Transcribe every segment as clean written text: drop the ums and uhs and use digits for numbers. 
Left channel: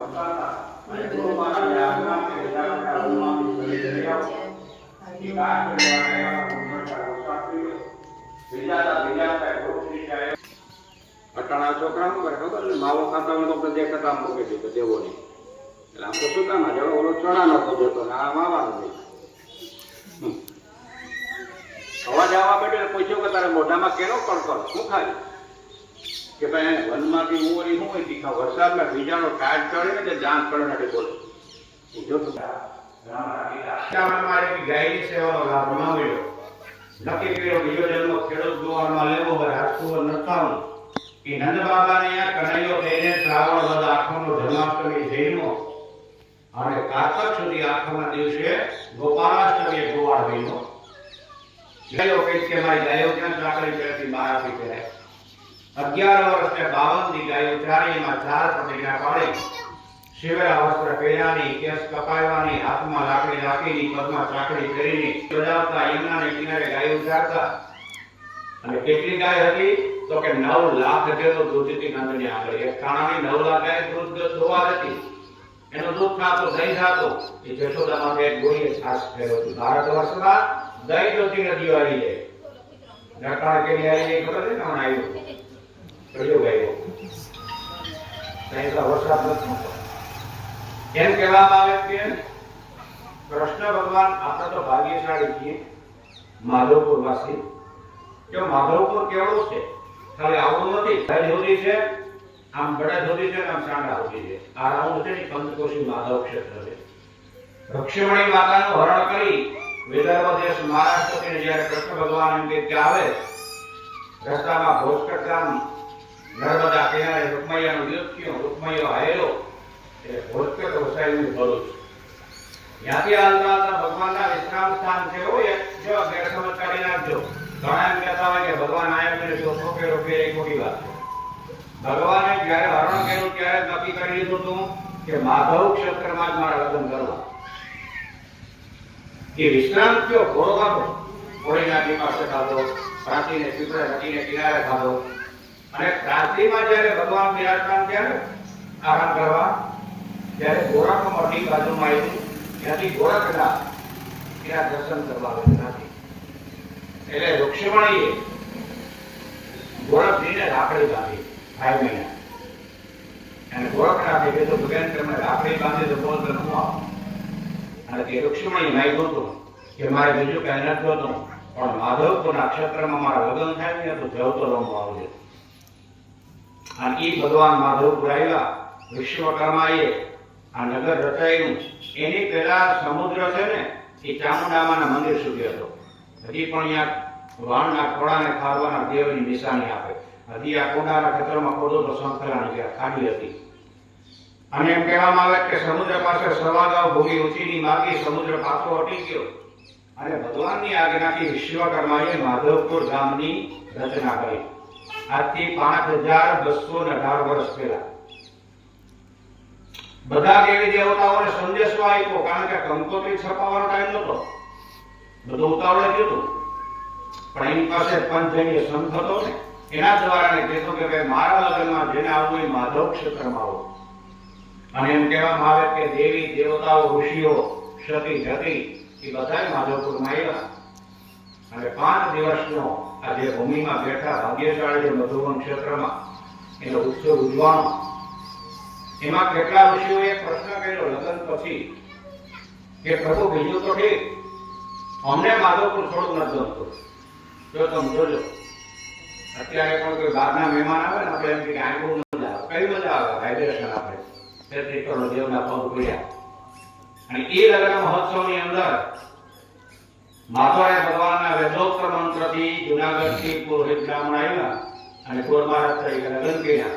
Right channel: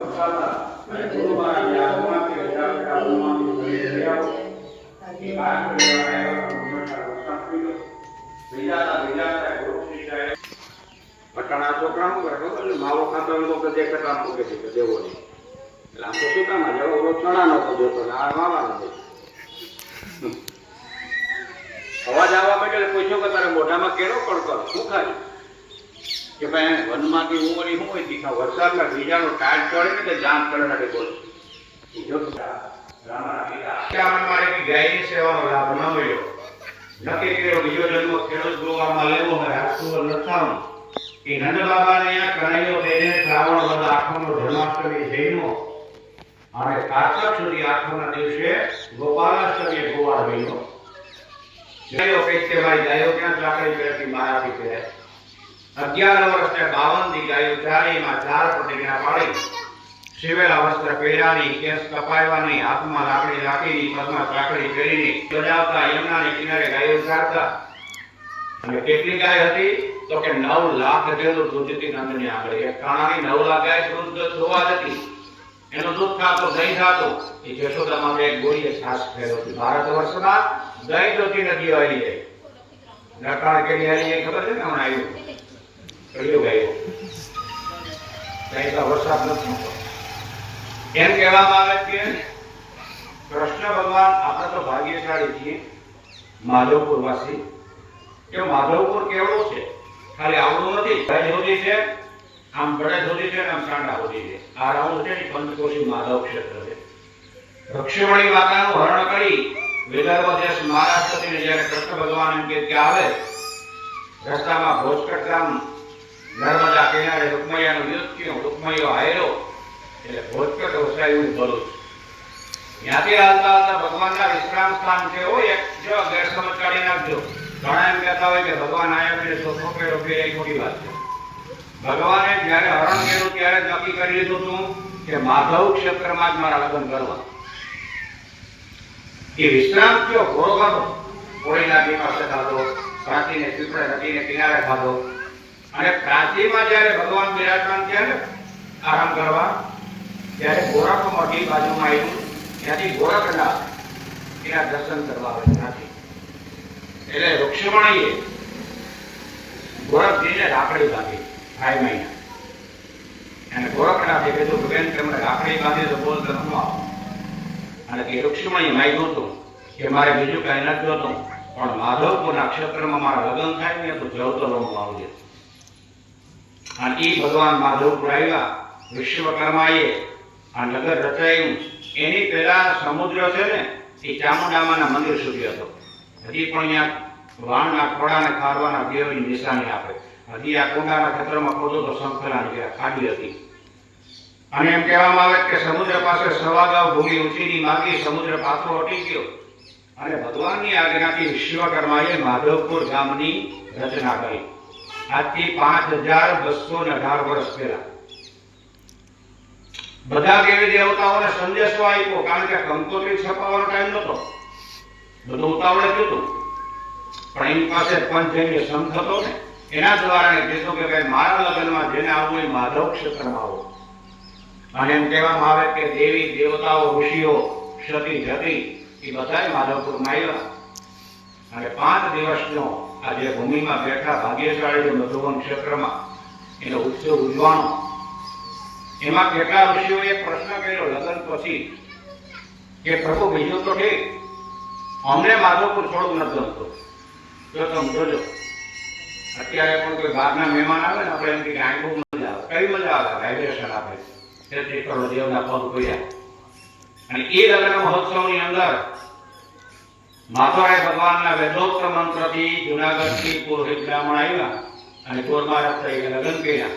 અટાણા છોકરા માવો ખાતા હોય તો દેખાતા મૂકે છે તો દેવો નહીં. એટલે આમ તો શું કામ આજે ઓલો ચણા નો ખોજો હતો ને આ માવાનો છે. અવાજ આવવા માંડ્યો પૂછ્યું કે તારે મોઢામાં કેનો કડકડ શું ખાય કે ભાઈ વનમાંથી હું ઓલી શું હોય તીખા વરસાદના બીજાનો ટાઈટ ચડે ને તે જામ ચડે નથી બોલ ગાયની સેવાનો લાભ ન મળ્યો. નક્કી કર્યો બીજો જન્મ ખેડૂત ગોવામાં લેવો હોય હાથું નથાવું એ નંદ બાબાને અહીંયા કનાઈઓ થઈને શ્રાવણ વદ આઠમનો જન્માષ્ટમી જન્મો અને કારતક સુધી આઠમના દિવસે ગોપાલાષ્ટમીએ ગોવાળ મહિનો ગાયો કઈ છે મારી ગાયો ક્યાં ચાકરી કરેથી બહાર આપી છે 11 વર્ષે 52 દી ગાયો ચારેયમાં 4 પ્રતિજ્ઞા પાડી શિવેલા વસ્ત્ર પહેરાની કેસ કપાવવાની હાથમાં લાકડી રાખીની પગમાં ચાકડી કરીને જોડાવતા યમુનાને કિનારે ગાયો ચારતા અને કેટલી ગાય હતી તો કે 9 લાખ જેટલું દૂધ હતી નંદની આગળ. એક કાણાની 9 લાખ ગાય દૂધ દોવા હતી એનું દૂધ ખાતો દહીં ખાતો એ જશોદા માટે એક ગોળીએ છાસ ફેરવતી. ભારત વર્ષમાં દહીં જોતી નથી આવી જાય નટાળ કેવી આવી જાય ખબર છે ને હમણાં આવ્યું કયો ગાયો દહીં તો વરસાદ નથી. એમ કહેવામાં આવે કે કૃષ્ણ ભગવાન આપણે તો ભાગ્યશાળી છીએ માધવપુર વાસી કે માધવપુર કેવડું છે ખાલી આવડું નથી ભાઈ હોતી છે આમ બળદ હોતી છે આમ સાંડા હોતી છે. આ રાઉન્ડ છે ને પંચકોશી માધવ ક્ષેત્ર છે. રક્ષમણી માતાનું હરણ કરી વિદર્ભ દેશ મહારાષ્ટ્રથી જ્યારે કૃષ્ણ ભગવાન એમ કે આવે રસ્તામાં ભોજકટ ગામ નર્મદા કિનારે રૂકમૈયાનું યુદ્ધ થયું. રૂકમૈયો હાર્યો એટલે ભોજકટ વસાયું ભરું ત્યાંથી હાલતા હતા ભગવાનના વિશ્રામ સ્થાન છે એક જો ગેરસમજ કાઢી નાખજો. ઘણા એમ કહેતા હોય કે ભગવાન આયા છે સોફો કે રોકી એ ખોટી વાત છે. ભગવાને જ્યારે હરણ કર્યું ત્યારે નક્કી કરી લીધું હતું કે માધવ ક્ષેત્રમાં જ મારા લગ્ન કરવા. એ વિશ્રામ થયો ઘોડો ખાધો ઘોડીના પાસે ખાધો પ્રાચીને પીપળે નદીને કિનારે ખાધો અને પ્રાચીમાં જ્યારે ભગવાન બિરાજમાન થયા ને આરામ કરવા ત્યારે ગોરખમઠી બાજુમાં આવ્યું ત્યાંથી ગોરખનાથ ત્યાં દર્શન કરવા આવ્યા નથી. એટલે રૂક્ષમણીએ ગોરખજીને રાખડી બાંધી 5 મહિના અને ગોરખનાથે કીધું ભગવાન તમે રાખડી બાંધી તો બોલ ન આવો. અને તે રૂક્ષમણીએ માગ્યું હતું કે મારે બીજું કઈ નથી જોતું પણ માધવપુરના ક્ષેત્રમાં મારા લગ્ન થાય ને તો જવતો રમવા આવજે. અને એ ભગવાન માધવપુર આવ્યા. વિશ્વકર્માએ આ નગર રચાયું એની પહેલા સમુદ્ર છે ને એ ચામુંડામાના મંદિર સુધી હતો. હજી પણ અહીંયા વાણના ખોડાને ખારવાના દેવની નિશાની આપે. હજી આ કોંડાના ક્ષેત્રમાં ખોદો તો સંકલન ત્યાં ખાલી હતી. અને એમ કહેવામાં આવે કે સમુદ્ર પાસે સવાગાવ ભૂમિ ઊંચીની માગી સમુદ્ર પાછો હટી ગયો અને ભગવાનની આજ્ઞાથી વિશ્વકર્માએ માધવપુર ગામની રચના કરી. આજથી 5218 વર્ષ પહેલા બધા દેવી દેવતાઓને સંદેશો આપ્યો કારણ કે કંકોત્રી છપાવવાનો ટાઈમ નહોતો. બધું ઉતાવળે થયું પણ એની પાસે પંચજન્ય સંત હતો ને એના દ્વારા કીધું કે ભાઈ મારા લગ્નમાં જેને આવવું એ માધવ ક્ષેત્રમાં આવો. અને એમ કહેવામાં આવે કે દેવી દેવતાઓ ઋષિઓ સતી જતી એ બધા માધવપુરમાં આવ્યા અને 5 દિવસનો આ જે ભૂમિમાં બેઠા ભાગ્યશાળી મધુવન ક્ષેત્રમાં એનો ઉત્સવ ઉજવાનો. એમાં કેટલા ઋષિઓએ પ્રશ્ન કર્યો લગ્ન પછી કે પ્રભુ બીજું તો ઠીક અમને માધવપુર થોડું નથી ગમતું. જો તમે જોજો અત્યારે પણ કોઈ બહારના મહેમાન આવે ને આપણે એમ કે આ બહુ મજા આવે. કઈ મજા આવે વાઇબ્રેશન આપે દેવના પગ પડ્યા. અને એ લગ્ન મહોત્સવની અંદર માધવરાય ભગવાનના વેદોક્ત મંત્રથી જુનાગઢથી પુરોહિત બ્રાહ્મણ આવ્યા અને ગોરમારત તરીકે લગ્ન કર્યા.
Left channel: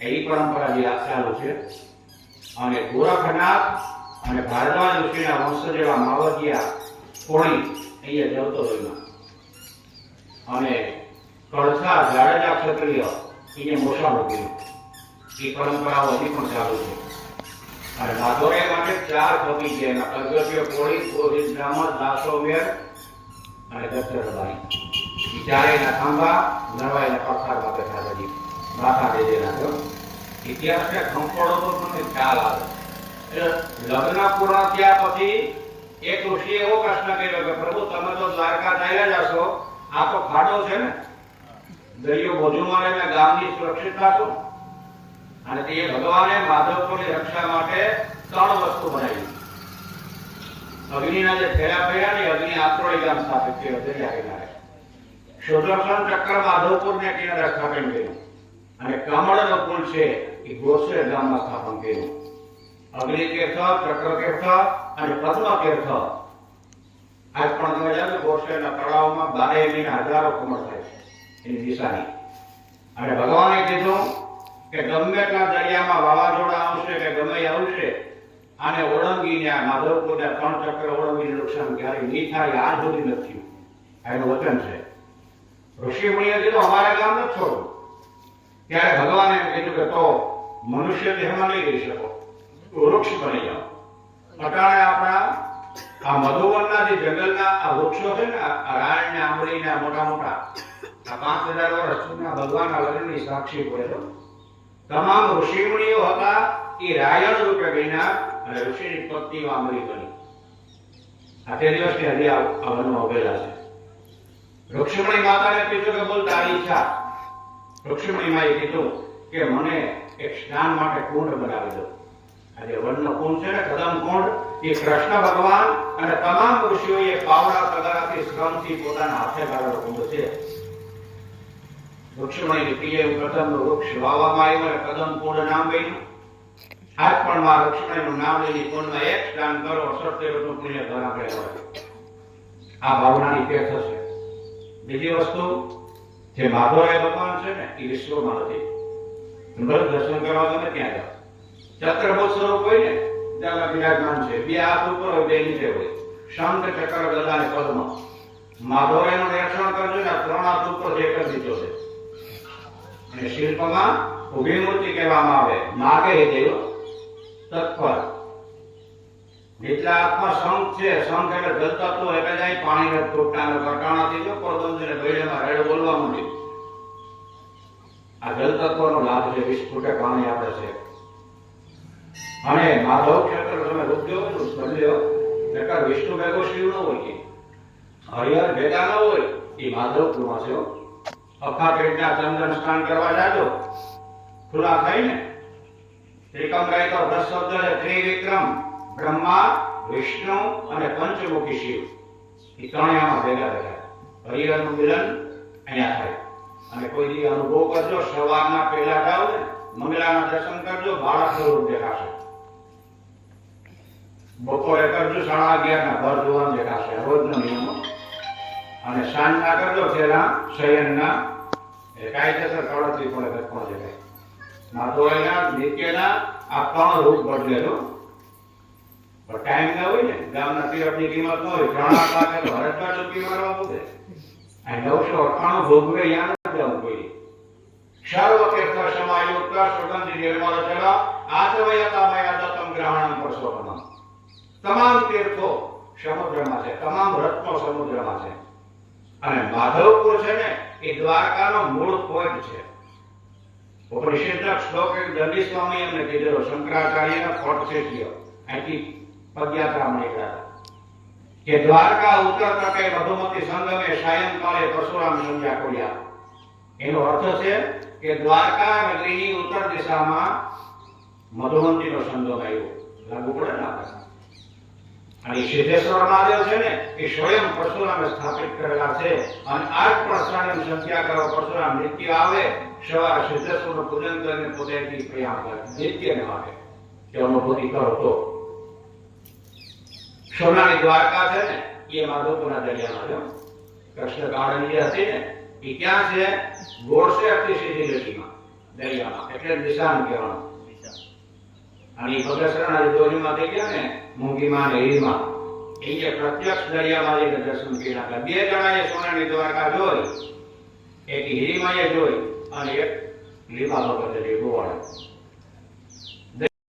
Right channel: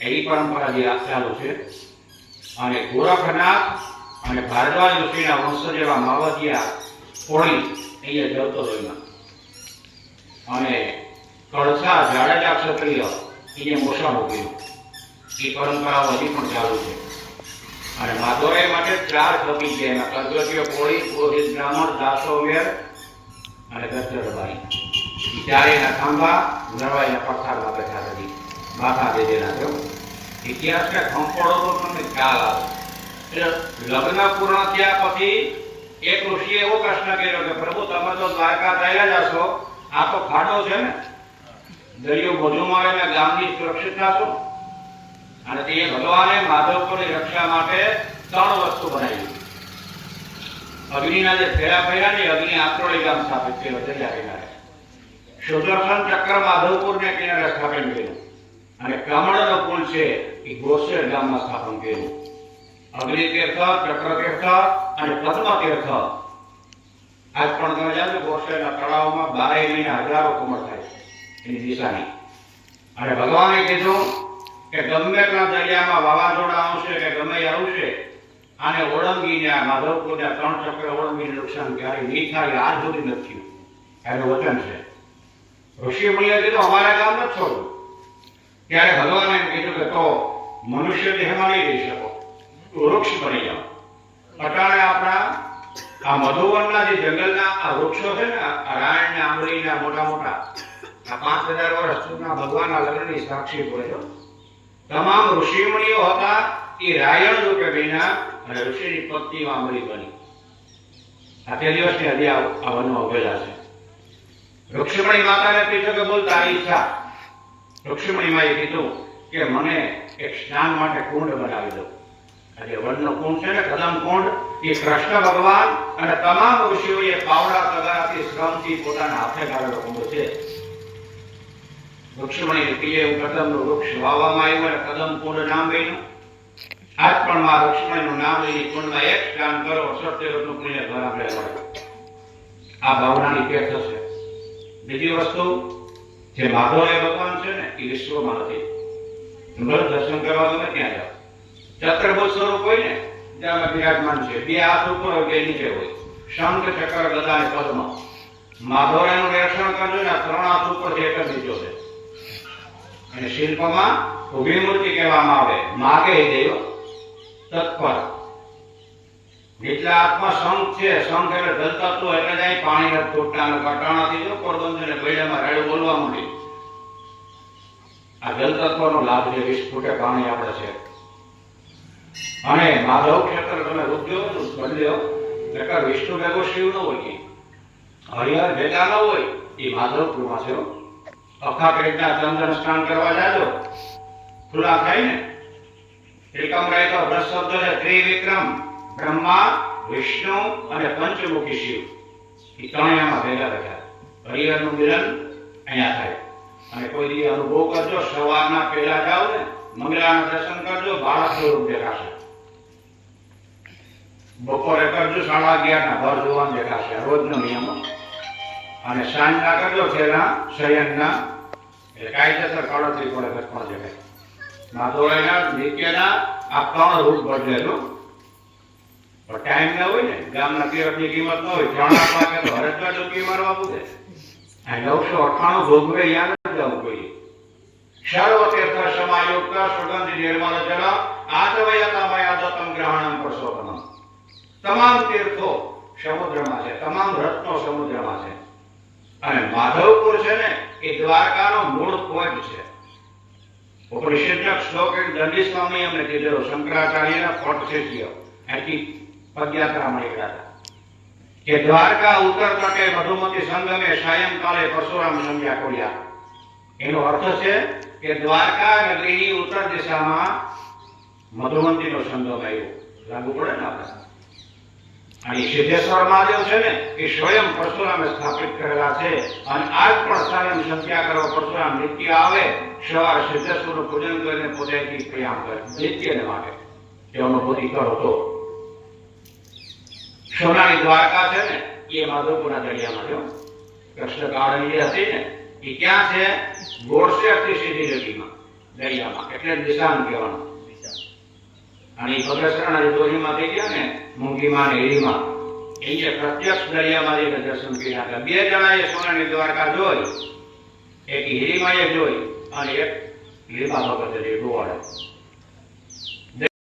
એની પરંપરા જે ચાલુ છે. અને ગોરખનાથ અને ભારદ્વાજ ઋષિના વંશ જેવા માવતિયા કોળી અહીંયા જવતો રહ્યો અને કળછા જાડેજા ક્ષત્રિય એને મોસાળ ઉભર્યું. એ પરંપરાઓ હજી પણ ચાલુ છે. અને માધવરાય માટે 4 પતિ છે એમાં કલગટીઓ કોળી પુરોહિત બ્રાહ્મણ દાસો વેર અને દત્તરબાઈ. એ ચારેયના ખંભા નરવાઈના પથ્થરમાં બેઠા હતી બાકા દેજેના. ઇતિહાસને ખંખોળો તો તમને ખ્યાલ આવે. એટલે લગ્ન પૂર્ણ થયા પછી એક ઋષિએ એવો પ્રશ્ન કર્યો કે પ્રભુ તમે તો દ્વારકા થયેલા જ હશો, આ તો ખાડો છે ને, દરિયો બાજુમાં આવે ને ગામની સુરક્ષિત થશો. અને તે ભગવાને માધવપુરની રક્ષા માટે 3 વસ્તુ બનાવી. અગ્નિના જે ફેરા ફેરા ને અગ્નિ આત્રોળી ગામ સ્થાપિત કર્યો દરિયા કિનારે. સુદર્શન ચક્ર માધવપુરને કિનારે સ્થાપન કર્યું. અને કમળનો પુલ છે એ ગોસેર ગામમાં સ્થાપન કર્યું. અગ્નિ તીર્થ, ચક્ર તીર્થ અને પદ્મ તીર્થ આજ પણ તમે જાણો ગોસેરના તળાવમાં 12 મહિના હજારો કમળ થાય છે એની નિશાની. અને ભગવાને કીધું કે ગમે એટલા દરિયામાં વાવાઝોડા આવશે કે ગમે આવશે, આને ઓળંગીને આ માધવપુરના 3 ચક્ર ઓળંગીને નુકસાન ક્યારેય નહીં થાય, આજ સુધી નથી થયું. એનું વચન છે. ઋષિ મુનિએ કીધું અમારે ગામ નથી છોડવું. ત્યારે ભગવાને એમ કીધું કે તો મનુષ્ય દેહમાં નહીં રહી શકો, વૃક્ષ બની જાઓ. અટાણે આપણા આ મધુવનના જે જંગલના આ વૃક્ષો છે ને, આ રાયણ ને આંબલી ને મોટા મોટા, આ 5000 વર્ષ સુધીના ભગવાનના લગ્નની સાક્ષી પડે છે. તમામ ઋષિ મુનિઓ હતા એ રાયણ રૂપે બન્યા અને ઋષિની પત્નીઓ આંબલી બની. આ તે દિવસની હજી આ વનમાં ઉભેલા છે. ઋક્ષમણી માતાને પૂછ્યું કે બોલ તારી ઈચ્છા. ઋક્ષમણી માએ કીધું કે મને એક સ્નાન માટે કુંડ બનાવી દો. આ જે વનનો કુંડ છે ને, કદમ કુંડ, એ કૃષ્ણ ભગવાન અને તમામ ઋષિઓએ પાવડા તગારાથી શ્રમથી પોતાના હાથે ગાળેલો કુંડ છે. ઋક્ષમણી પ્રિય કદમનું વૃક્ષ વાવવામાં આવ્યું અને કદમ કુંડ નામ બન્યું. આજ પણ માં ઋક્ષમણીનું નામ લઈને કુંડમાં એક સ્નાન કરો, 70 પુણ્ય ઘર આપણે મળે. આ ભાવનાની તીર્થ છે. બીજી વસ્તુ, જે માધવરાય ભગવાન છે ને, એ વિશ્વમાં નથી. દર્શન કરવા તમે ત્યાં જાઓ. ચક્રભૂત સ્વરૂપ હોય ને ત્યાં બિરાજમાન છે. 2 હાથ ઉપર હોય, 2 નીચે હોય. શંખ, ચક્ર, ગદા અને પદ્મ. માધવરાયનું નિરીક્ષણ કરજો ને, 3 હાથ ઉપર છે, 1 જ નીચો છે. અને શિલ્પમાં ઉભી મૂર્તિ કહેવામાં આવે. માગે દેવ તત્પર. નીચલા હાથમાં શંખ છે. શંખ એટલે જલતત્વ, એટલે જાય પાણી નથી ખૂટતા અને કટાણાથી જો પોરબંદરને ગળ્યામાં રાડ્યો બોલવા માંડી. આ જલતત્વનો લાભ છે. 20 ફૂટે પાણી આપે છે. અને માધવ ક્ષેત્ર તમે રૂપજો બદલ્યો, નકર વિષ્ણુ ભેગો શિવ ન હોય, હરિહર ભેગા ન હોય. એ માધવપુરમાં છે. અખા પેટના ચંદન સ્નાન કરવા જાજો, ખુલ્લા થાય ને. ત્રિકમ રાય તો વ્રત શબ્દ છે. ત્રિવિક્રમ બ્રહ્મા, વિષ્ણુ અને પંચમુખી શિવ, એ ત્રણેયમાં ભેગા થયા. હરિહરનું મિલન અહીંયા થાય. અને કોઈ દી અનુભવ કરજો, સવારના પહેલા જાઓ ને, મંગળાના દર્શન કરજો, બાળક સ્વરૂપ દેખાશે. બપોરે કરજો 11:30 ના ઘર જોવાનું દેખાશે, રોજનો નિયમ. અને સાંજના કરજો તેના શયનના, એ કાયદેસર કળોતરી પડે 10 જગ્યાએ. માધવરાયના નિત્યના આ 3 રૂપ બદલેલો. પણ ટાઈમ ના હોય ને, ગામના તીરથની કિંમત ન હોય, 3 લાખ તો હરજમાં ડૂબકી મારવા પડે. આ 998 ભોગવે યાદ ન જવું જોઈએ. સર્વ તીર્થ સમાયુક્ત સુગંધ નિર્મળ જળ આચવયતા મયા દત્તમ ગ્રહણમ પરસોત્તમમ. તમામ તીર્થો સમુદ્રમાં છે, તમામ રત્નો સમુદ્રમાં છે. અને માધવપુર છે ને, એ દ્વારકાનો મૂળ પોઈન્ટ છે. ઉપનિષદના શ્લોક એક દંડી સ્વામી અમને કીધેલો, શંકરાચાર્યના ફોટ છે કયો અહીંથી પદયાત્રા નીકળ્યા કે દ્વારકા ઉત્તર તટે મધુમતી સંગમે સાયંકાળે પરશુરામ સંધ્યા ખોલ્યા. એનો અર્થ છે કે દ્વારકા નગરીની ઉત્તર દિશામાં મધુમતીનો સંગમ આવ્યો. લાગુ પડે ને આપણે. અને સિદ્ધેશ્વર મહાદેવ છે ને, એ સ્વયં પરશુરામે સ્થાપિત કરેલા છે. અને આજ પણ સાયં સંધ્યા કરવા પરશુરામ નિત્ય આવે, સવારે સિદ્ધેશ્વરનું પૂજન કરીને પોતાની પ્રયાણ કરે નિત્યને માટે. એ અનુભૂતિ કરો તો સોનાની દ્વારકા છે ને, એ માધવપુરના દરિયામાં જો કૃષ્ણ ગાળની જે હતી ને, એ ક્યાં છે? ગોળસેરથી સીધી રેતીમાં દરિયામાં, એટલે નિશાન કહેવાનું. અને એ ભદ્રશરણ જોરીમાં થઈ ગયા ને, મૂંગીમાં ને હીરીમાં, એ પ્રત્યક્ષ દરિયામાં જઈને દર્શન કર્યા હતા. 2 જણાએ સોનાની દ્વારકા જોઈ, એક હીરીમાં એ જોઈ અને એક લીમા વખતે જે ગોવાળે.